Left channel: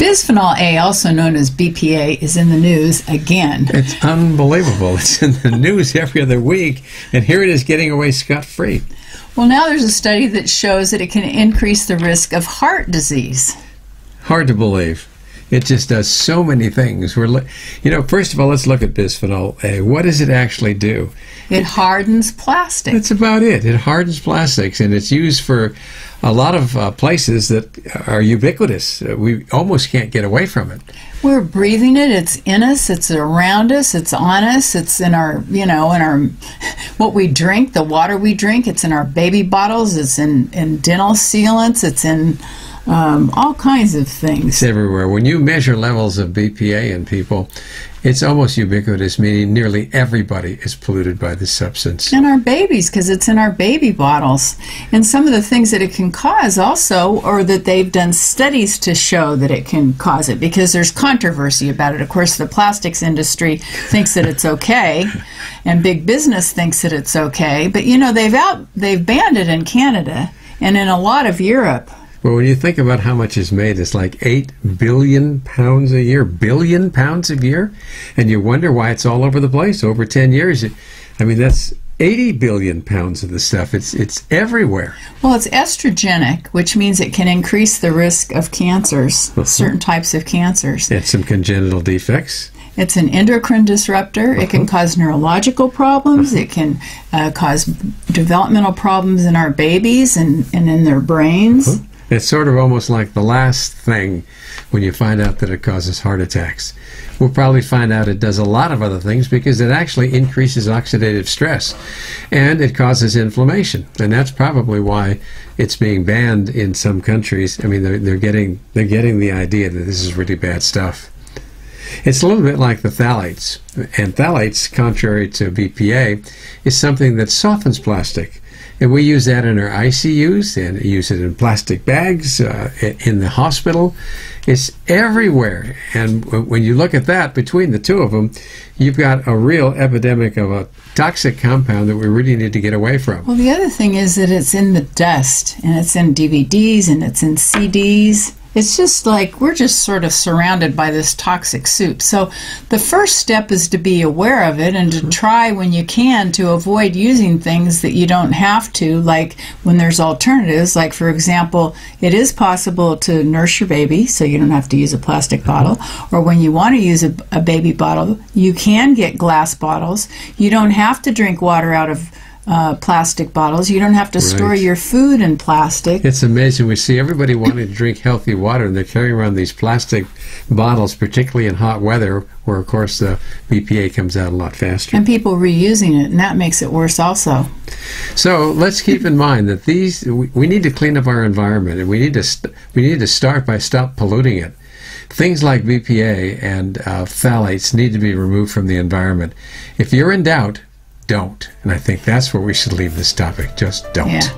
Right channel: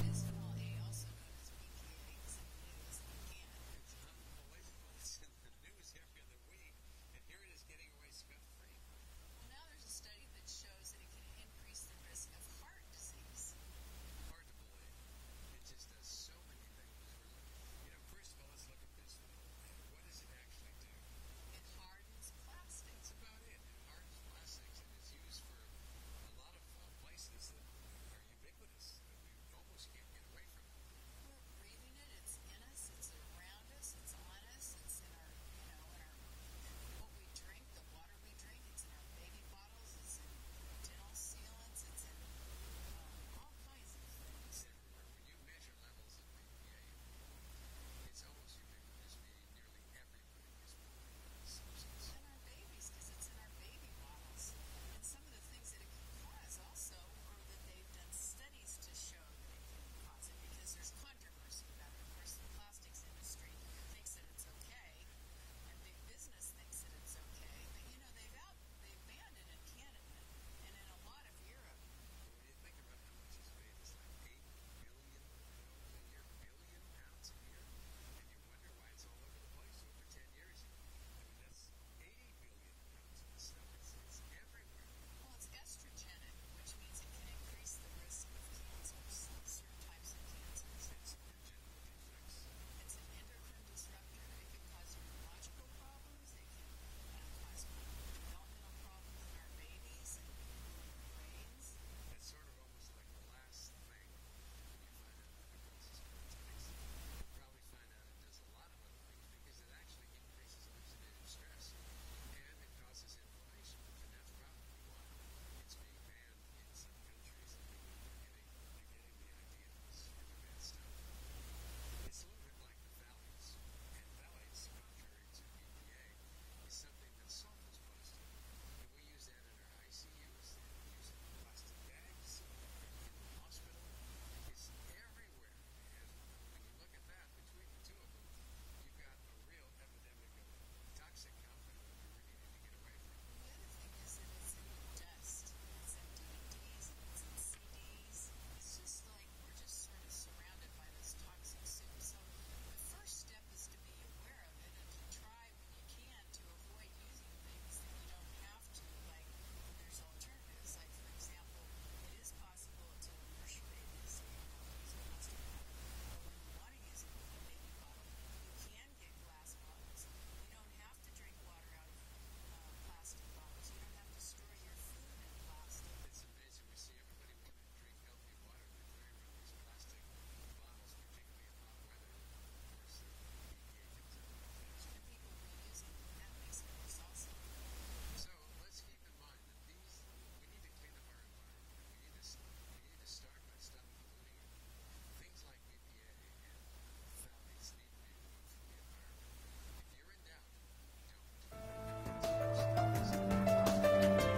Bisphenol A, also known as BPA, is in the news again. It's unbelievable. It's in the news every other week, and here it is getting away scot-free. Well, now there's a study that shows that it can increase the risk of heart disease. Hard to believe. It just does so many things. First of all, let's look at bisphenol A. What does it actually do? It hardens plastic. That's about it. It hardens plastics, and it's used for a lot of places that are ubiquitous. We almost can't get away from it. We're breathing it. It's in us. It's around us. It's on us. It's in our, what we drink, the water we drink. It's in our baby bottles. It's in dental sealants. It's in all kinds of things. It's everywhere. When you measure levels of BPA in people, it's almost ubiquitous, meaning nearly everybody is polluted by this substance. And our babies, because it's in our baby bottles. And some of the things that it can cause also, or that they've done studies to show that it can cause it, because there's controversy about it. Of course, the plastics industry thinks that it's okay, and big business thinks that it's okay. But, they've banned it in Canada and in a lot of Europe. Well, when you think about how much is made, it's like 8 billion pounds a year, billion pounds a year, and you wonder why it's all over the place. Over 10 years, that's 80 billion pounds of the stuff. It's everywhere. Well, it's estrogenic, which means it can increase the risk of cancers, certain types of cancers. And some congenital defects. It's an endocrine disruptor. It can cause neurological problems. It can cause developmental problems in our babies and in their brains. It's sort of almost like the last thing when you find out that it causes heart attacks. We'll probably find out it does a lot of other things because it actually increases oxidative stress and it causes inflammation. And that's probably why it's being banned in some countries. They're getting the idea that this is really bad stuff. It's a little bit like the phthalates. And phthalates, contrary to BPA, is something that softens plastic. And we use that in our ICUs and use it in plastic bags, in the hospital. It's everywhere. And when you look at that, between the two of them, you've got a real epidemic of a toxic compound that we really need to get away from. Well, the other thing is that it's in the dust, and it's in DVDs, and it's in CDs. It's just like we're just sort of surrounded by this toxic soup. So the first step is to be aware of it and to try when you can to avoid using things that you don't have to, like when there's alternatives. Like, for example, it is possible to nurse your baby so you don't have to use a plastic bottle. Or when you want to use a baby bottle, you can get glass bottles. You don't have to drink water out of plastic bottles. You don't have to store your food in plastic. It's amazing. We see everybody wanting to drink healthy water, and they're carrying around these plastic bottles, particularly in hot weather, where, of course, the BPA comes out a lot faster. And people reusing it, and that makes it worse also. So let's keep in mind that we need to clean up our environment, and we need to start by stop polluting it. Things like BPA and phthalates need to be removed from the environment. If you're in doubt, don't. And I think that's where we should leave this topic. Just don't. Yeah.